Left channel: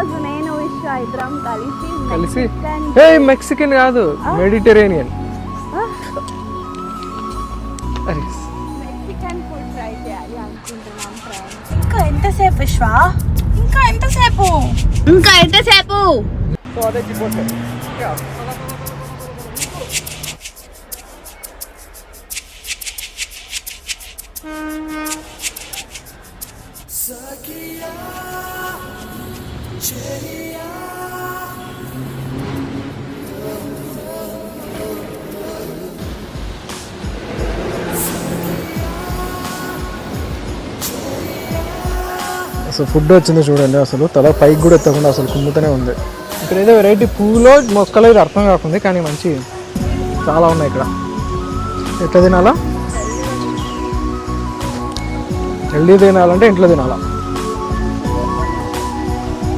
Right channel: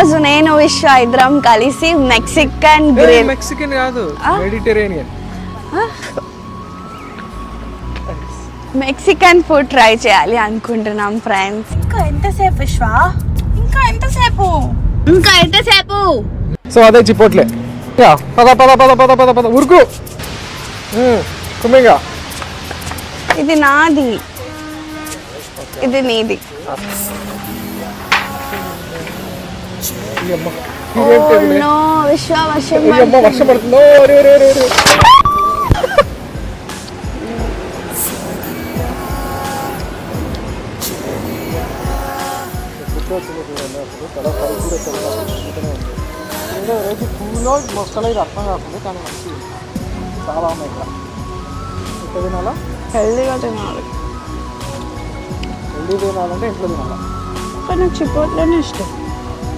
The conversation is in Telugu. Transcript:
రోజు నేను విశ్వ ఇద్దరం కలిసి మెక్సికన్ కాదు, మెడిటరేనియన్ మెక్సికన్ ఫుడ్ ట్రై చేయాలి అనుకుంటున్నాం ఫ్రెండ్స్. ఇంకా ఎంతసేపు విశ్వ? ఇంకా ఎంతసేపు? సో అదే చిపోట్లే. పద పద పద పద పద పద ఉరుకు కుమ్మిగా. ఇది నాది, ఇది నీది. విశ్వ వర్షం పడుతుందో. అసలు ఫుడ్ వచ్చింది చూడండి, అసలు తల పైకి కూడా ఎత్తకుండా అసలు కుంగుతూనే ఉంది. ఇక్కడ ఏదో వెరైటీ పువ్వులో మొక్కలు అయితే అర్థం కాకుండా, కానీ మంచి చాలా ఉన్నాయి ఇక్కడ. ఎట్లా తినాలా? హెల్దీ తినాలంటే ఇంట్లో తినాలా? చిపోట్లోనే ఇష్టం.